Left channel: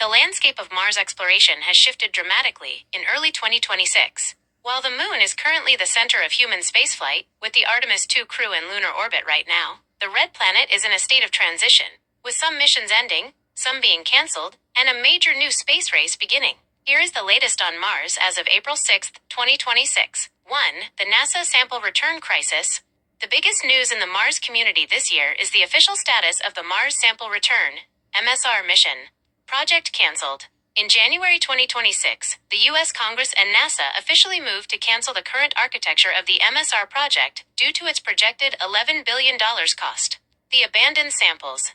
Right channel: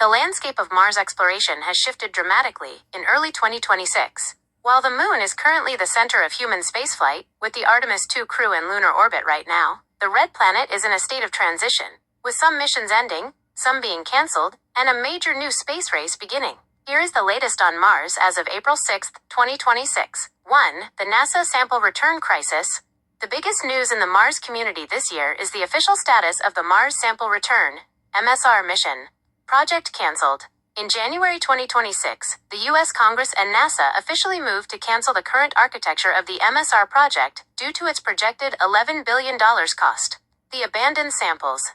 The landscape of Mars exploration has shifted dramatically in early 2026. While the Moon is currently the center of human spaceflight, with the Artemis II crew in lunar orbit right now, the Red Planet is in a state of transition, with some missions ending, some being cancelled, and a major new space race beginning. Here is the latest on Mars as of April 6, 2026. 1. The NASA sample return crisis. The biggest news in the Mars community this year is the official status of the Mars Sample Return (MSR) mission. Project cancelled. In January 2026, the U.S. Congress and NASA officially moved to cancel the current architecture of the MSR project due to its projected $11 billion cost. The abandoned samples.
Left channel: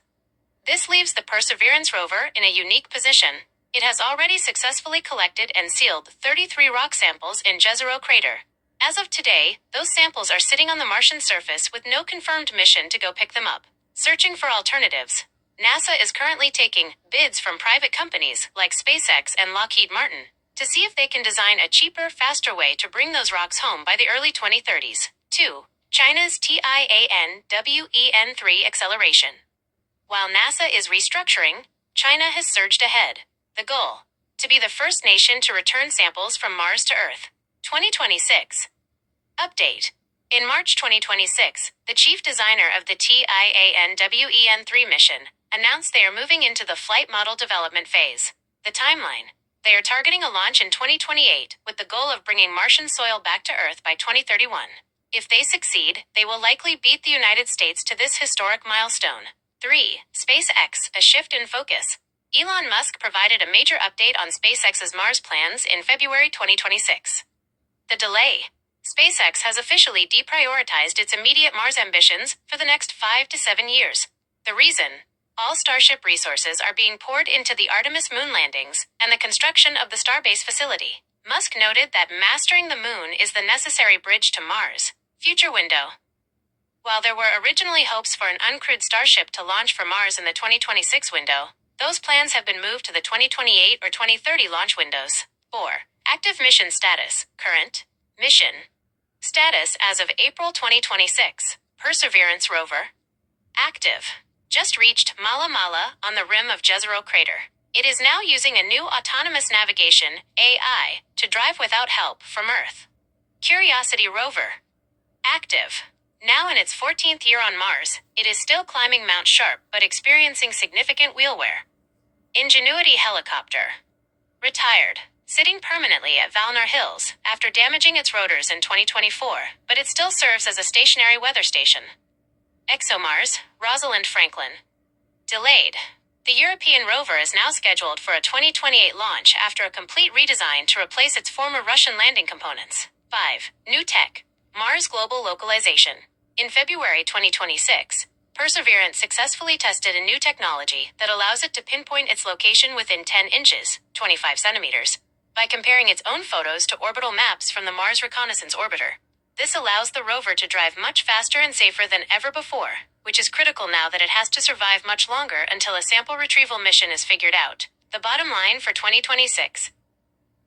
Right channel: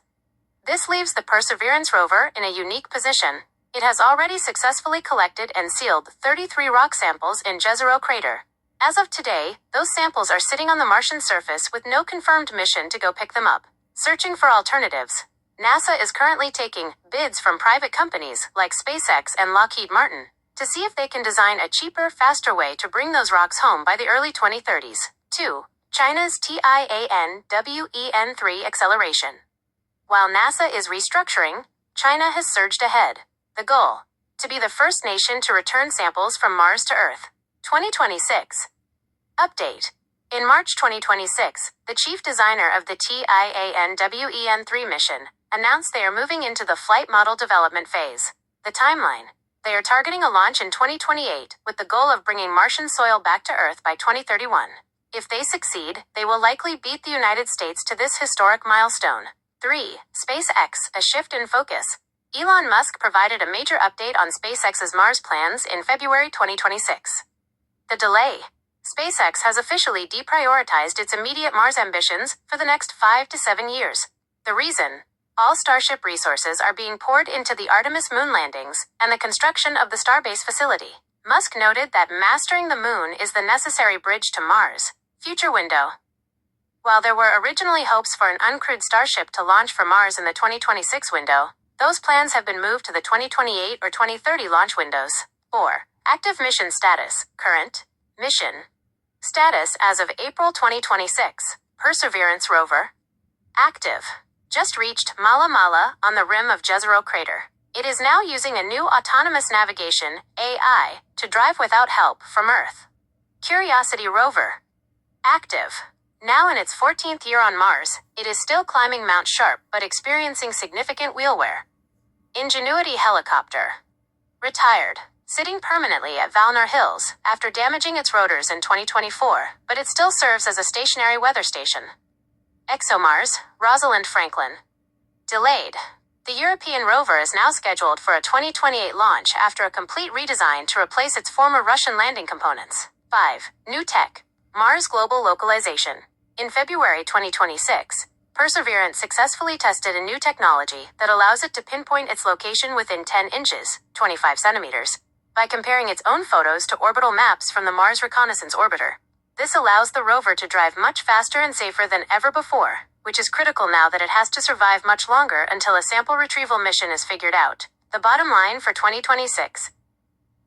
This leaves the Perseverance rover in a unique position. It has already successfully collected and sealed 33 rock samples in Jezero crater. As of today, those samples are sitting on the Martian surface with no confirmed mission to go pick them up. Searching for alternatives. NASA is currently taking bids from private companies like SpaceX and Lockheed Martin to see if they can design a cheaper, faster way to bring those rocks home by the early 2030s. 2. China's Tianwen-3 acceleration. While NASA is restructuring, China has surged ahead. The goal: to be the first nation to return samples from Mars to Earth. 2026. Update. In March 2026, the chief designer of the Tianwen-3 mission announced they are moving into the flight model development phase. The timeline. They are targeting a launch in 2028 with the goal of bringing Martian soil back to Earth by 2031. If they succeed, they will likely beat the United States to this historic milestone. 3. SpaceX, a shift in focus. Elon Musk provided a major update on SpaceX's Mars plans in February 2026. The delay. SpaceX has officially deprioritized its immediate Mars ambitions for the next 5 to 7 years. The reason? All Starship resources are being poured into the Artemis moon landings and the construction of the Starbase facility. Musk noted that mastering the moon is the necessary bridge to Mars. Future window. While there were originally hopes for an uncrewed Starship to launch for Mars in the 2026 window, those plans have been moved to the 2028 or 2030 launch windows. 4. Active mission status. Current mission status as of April 2026. Perseverance rover. Active. Just reached Mala Mala on the rim of Jezero crater. It is now using a new autonomous navigation (AI) to drive without help from Earth. Curiosity rover. Active. Now in its 14th year on Mars, it is still climbing Mount Sharp but experiencing significant wheel wear. Ingenuity helicopter. Retired. Sitting permanently at Valnor Hills after damaging its rotors in 2024, but it still serves as a stationary weather station. ExoMars, Rosalind Franklin. Delayed. The European rover is now scheduled for a 2028 launch after a complete redesign to replace its former Russian landing components. 5. New tech. Mars global localization. In February 2026, Perseverance successfully tested a new technology that allows it to pinpoint its location within 10 inches, 25 centimeters, by comparing its own photos to orbital maps from the Mars Reconnaissance Orbiter. This allows the rover to drive much faster and safer than ever before, which is critical now that it has to survive much longer until a sample retrieval mission is figured out. The bottom line for 2026.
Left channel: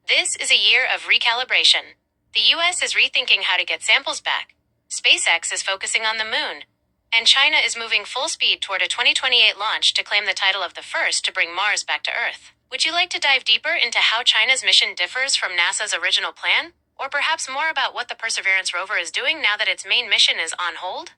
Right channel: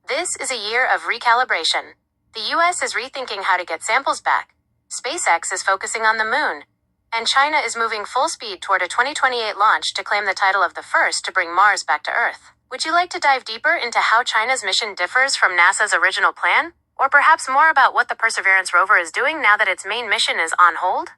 This is a year of recalibration. The US is rethinking how to get samples back. SpaceX is focusing on the moon. And China is moving full speed toward a 2028 launch to claim the title of the first to bring Mars back to Earth. Would you like to dive deeper into how China's mission differs from NASA's original plan? Or perhaps more about what the Perseverance rover is doing now that its main mission is on hold?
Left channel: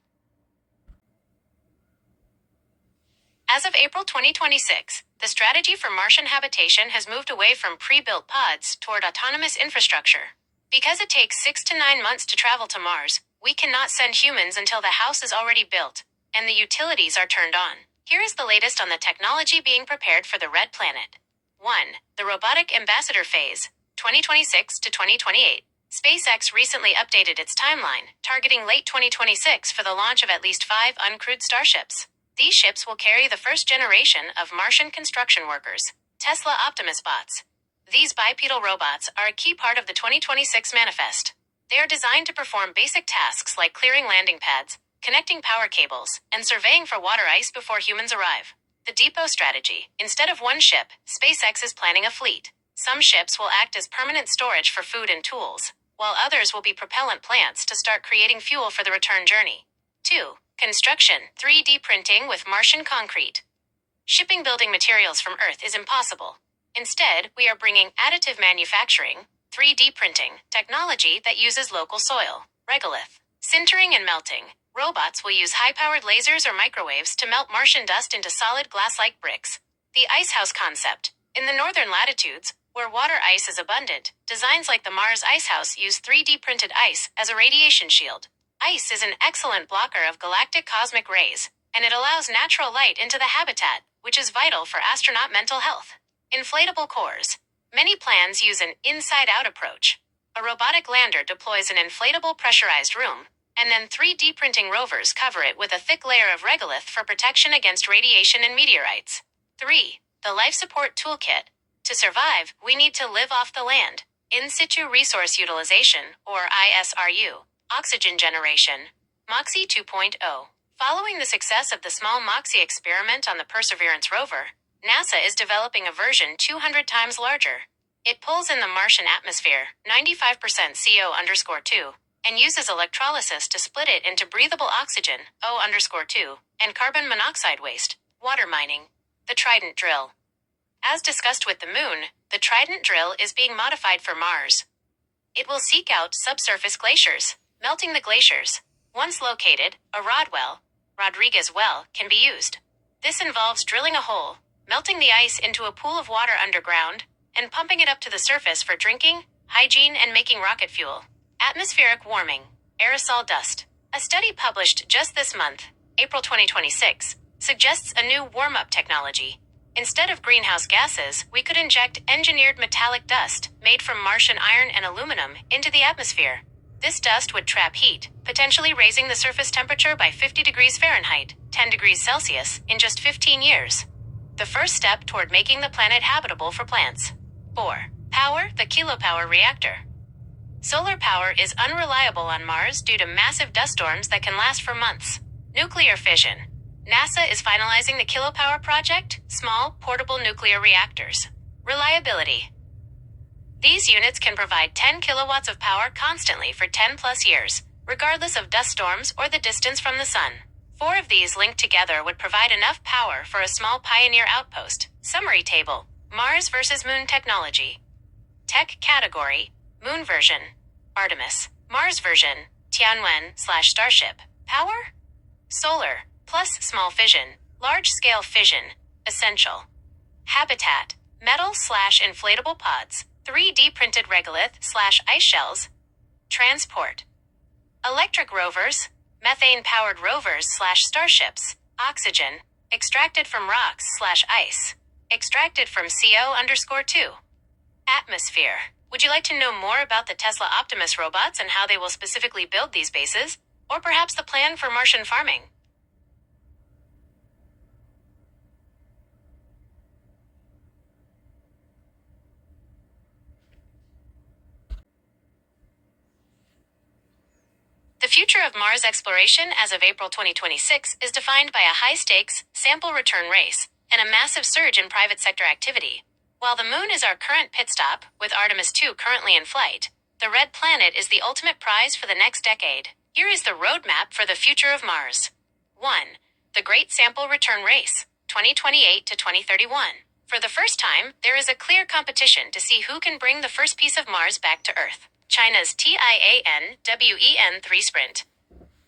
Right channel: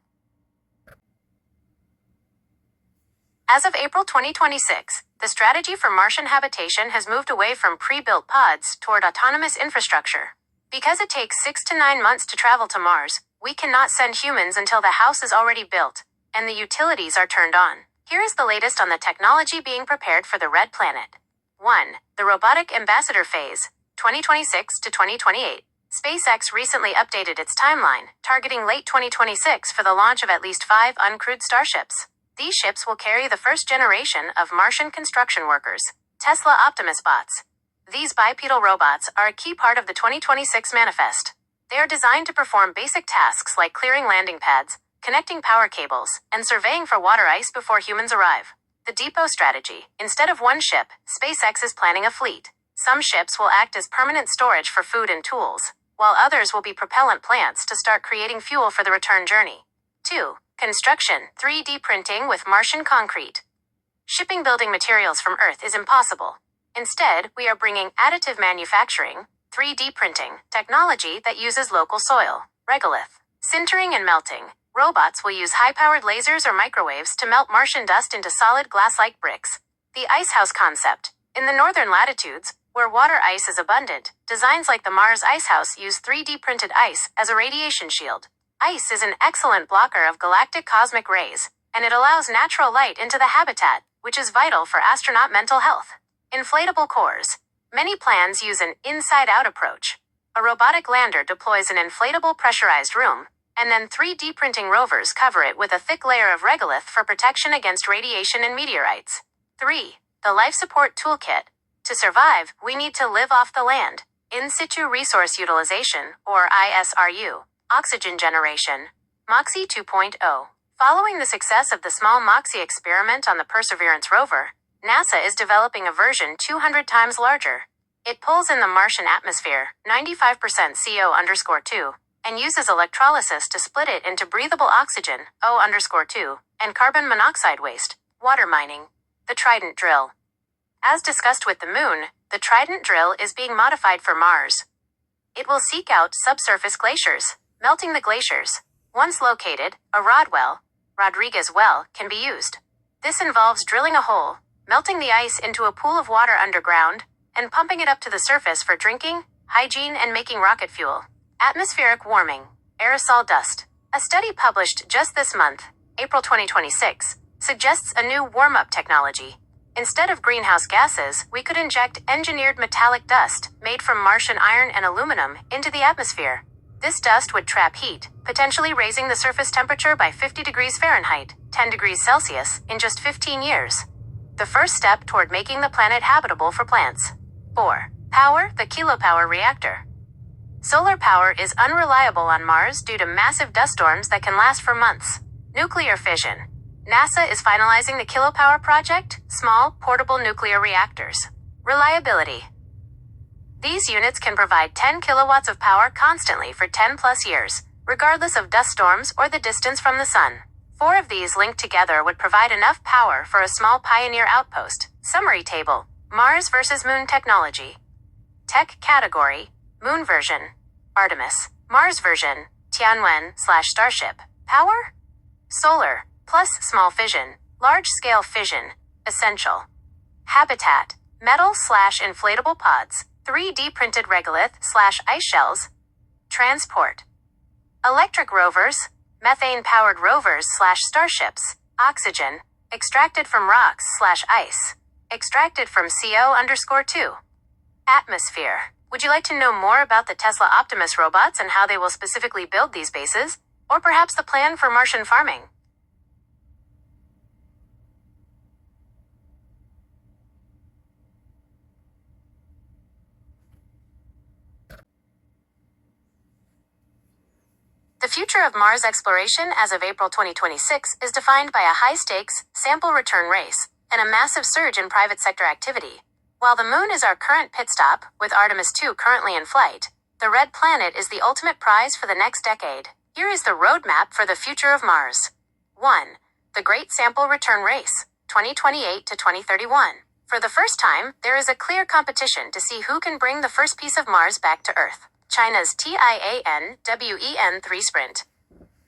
As of April 2026, the strategy for Martian habitation has moved away from pre-built pods toward autonomous infrastructure. Because it takes 6 to 9 months to travel to Mars, we cannot send humans until the house is already built and the utilities are turned on. Here is the latest on the technology being prepared for the Red Planet. 1. The Robotic Ambassador Phase, 2026 to 2028. SpaceX recently updated its timeline, targeting late 2026 for the launch of at least 5 uncrewed starships. These ships will carry the first generation of Martian construction workers, Tesla Optimus bots. These bipedal robots are a key part of the 2026 manifest. They are designed to perform basic tasks like clearing landing pads, connecting power cables, and surveying for water ice before humans arrive. The depot strategy. Instead of one ship, SpaceX is planning a fleet. Some ships will act as permanent storage for food and tools, while others will be propellant plants to start creating fuel for the return journey. 2. Construction. 3D printing with Martian concrete. Shipping building materials from Earth is impossible. Instead, we are bringing additive manufacturing, 3D printing, technology that uses local soil, regolith, sintering and melting. Robots will use high-powered lasers or microwaves to melt Martian dust into solid glass-like bricks. The icehouse concept. In the northern latitudes, where water ice is abundant, designs like the Mars Icehouse use 3D printed ice as a radiation shield. Ice is an excellent blocker of galactic cosmic rays, and it allows natural light into the habitat, which is vital for astronaut mental health. Inflatable cores. Many plans use an inside-out approach. A robotic lander deploys an inflatable pressurized room, and then 3D printing rovers cover it with a thick layer of regolith for protection against radiation and meteorites. 3. The Life Support Toolkit. To survive, we need to live off the land. In situ resource utilization, or ISRU. Oxygen generation. MOXIE 2.0. Following the success of the small MOXIE experiment on the Perseverance rover, NASA is developing a version 200 times larger. It pulls in the Martian atmosphere, 95% CO_2, and uses electrolysis to split it into breathable oxygen, O_2, and carbon monoxide waste, water mining. The Trident drill. As discussed with the Moon, the Trident drill is being modified for Mars. It will seek out subsurface glaciers, melting the glaciers. Once located, a Rodwell, Rodriguez well, can be used. This involves drilling a hole, melting the ice into a pool of water underground, and pumping it up to the surface for drinking, hygiene, and making rocket fuel. Atmospheric warming. Aerosol dust. A study published just this month, April 2026, suggests a new warm-up technology. Instead of greenhouse gases, we could inject engineered metallic dust, made from Martian iron and aluminum, into the atmosphere. This dust would trap heat, potentially raising the surface temperature by 50 degrees Fahrenheit, 10 degrees Celsius, in just 15 years. The first step toward making the planet habitable for plants. 4. Power, the kilopower reactor. Solar power is unreliable on Mars due to massive dust storms that can last for months. Nuclear fission. NASA is finalizing the kilopower project, small, portable nuclear reactors. Reliability. These units can provide 10 kilowatts of power constantly for 10 plus years, regardless of dust storms or the distance from the sun. 4 of these linked together would provide enough power for a small Pioneer outpost. Summary table. Mars versus Moon technology. Tech category. Moon version. Artemis. Mars version. Tianwen/Starship. Power? Solar, plus small fission. Large-scale fission. Essential. Habitat. Metal/inflatable pods. 3D printed regolith/ice shells. Transport. Electric rovers. Methane-powered rovers/starships. Oxygen. Extracted from rocks/ice. Extracted from CO_2. Atmosphere. Would you like to know more about the Tesla Optimus robots and how they will specifically build these bases? Or perhaps the plan for Martian farming? The future of Mars exploration as of April 2026 is defined by a high-stakes, sample return race, and a massive surge in private sector activity. While the Moon is our current pit stop, with Artemis 2 currently in flight, the Red Planet is the ultimate prize for the next decade. Here is the roadmap for the future of Mars. 1. The Great Sample Return Race, 2028 to 2031. For the first time, there is a clear competition to see who can bring the first piece of Mars back to Earth. China's Tianwen-3 sprint.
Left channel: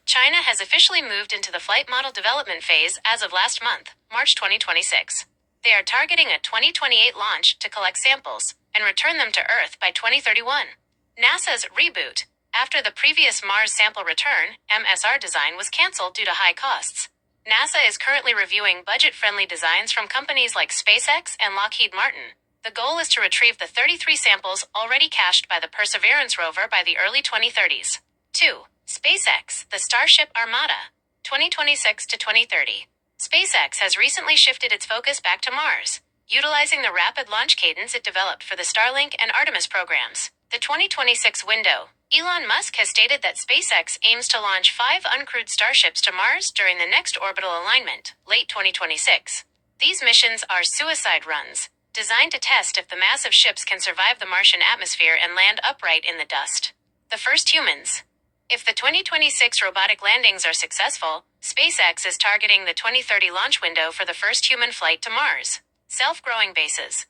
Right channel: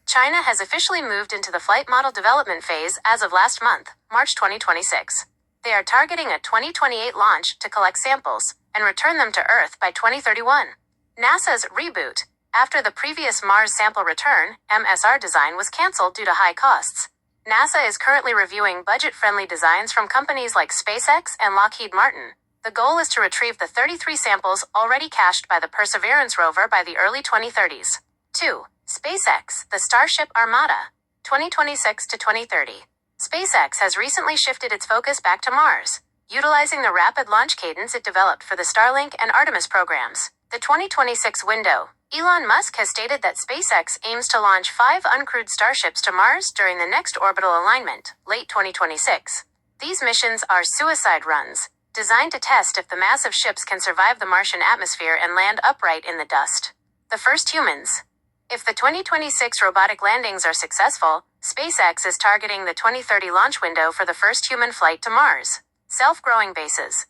China has officially moved into the flight model development phase as of last month, March 2026. They are targeting a 2028 launch to collect samples and return them to Earth by 2031. NASA's reboot, after the previous Mars sample return, MSR design was canceled due to high costs. NASA is currently reviewing budget-friendly designs from companies like SpaceX and Lockheed Martin. The goal is to retrieve the 33 samples already cached by the Perseverance rover by the early 2030s. 2. SpaceX, the Starship Armada, 2026 to 2030. SpaceX has recently shifted its focus back to Mars, utilizing the rapid launch cadence it developed for the Starlink and Artemis programs. The 2026 window. Elon Musk has stated that SpaceX aims to launch 5 uncrewed starships to Mars during the next orbital alignment, late 2026. These missions are suicide runs, designed to test if the massive ships can survive the Martian atmosphere and land upright in the dust. The first humans. If the 2026 robotic landings are successful, SpaceX is targeting the 2030 launch window for the first human flight to Mars. Self-growing bases.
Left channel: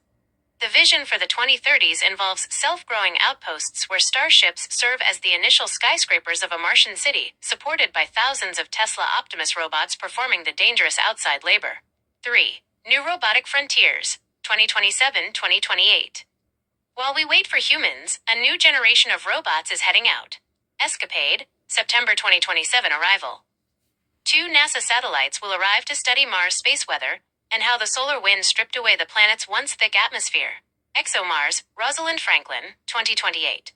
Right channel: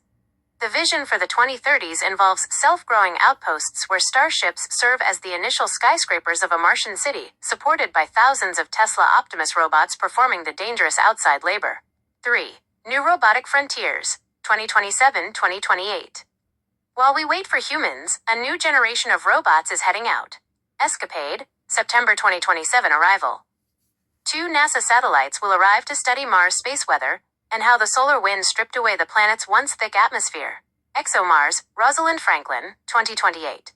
The vision for the 2030s involves self-growing outposts where starships serve as the initial skyscrapers of a Martian city, supported by thousands of Tesla Optimus robots performing the dangerous outside labor. 3. New robotic frontiers, 2027-2028. While we wait for humans, a new generation of robots is heading out. Escapade, September 2027 arrival. 2 NASA satellites will arrive to study Mars' space weather and how the solar wind stripped away the planet's once thick atmosphere. ExoMars, Rosalind Franklin, 2028.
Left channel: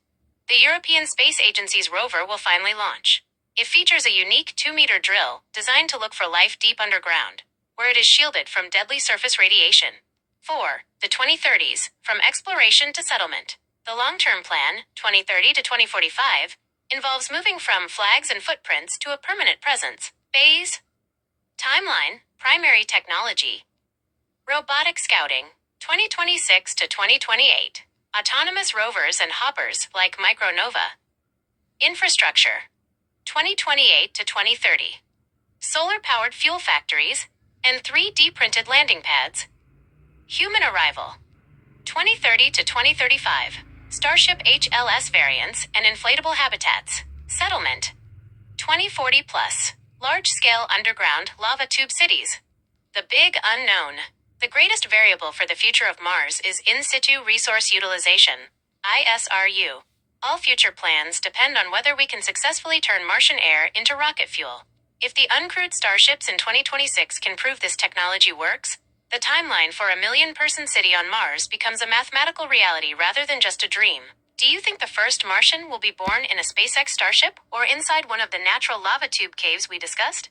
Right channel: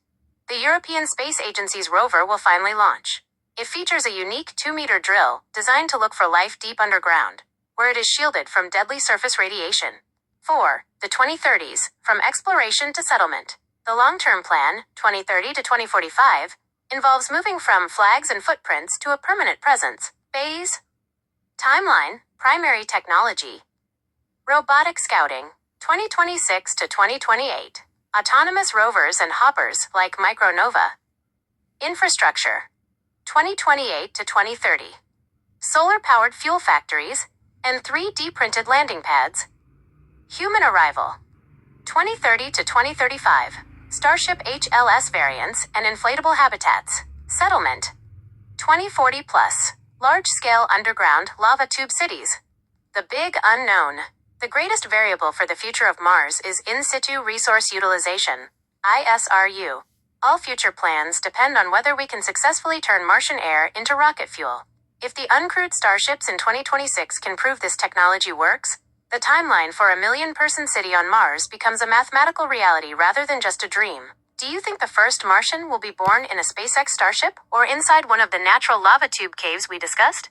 The European Space Agency's rover will finally launch. It features a unique 2-meter drill designed to look for life deep underground, where it is shielded from deadly surface radiation. 4. The 2030s, from exploration to settlement. The long-term plan, 2030 to 2045, involves moving from flags and footprints to a permanent presence. Phase. Timeline, primary technology. Robotic scouting, 2026 to 2028. Autonomous rovers and hoppers like Micronova. Infrastructure, 2028 to 2030. Solar-powered fuel factories and 3D printed landing pads. Human arrival, 2030 to 2035. Starship HLS variants and inflatable habitats. Settlement, 2040 plus. Large-scale underground lava tube cities. The big unknown. The greatest variable for the future of Mars is in situ resource utilization, ISRU. All future plans depend on whether we can successfully turn Martian air into rocket fuel. If the uncrewed starships in 2026 can prove this technology works, the timeline for a million-person city on Mars becomes a mathematical reality rather than just a dream. Do you think the first Martian will be born in a SpaceX starship or inside one of the natural lava tube caves we discussed?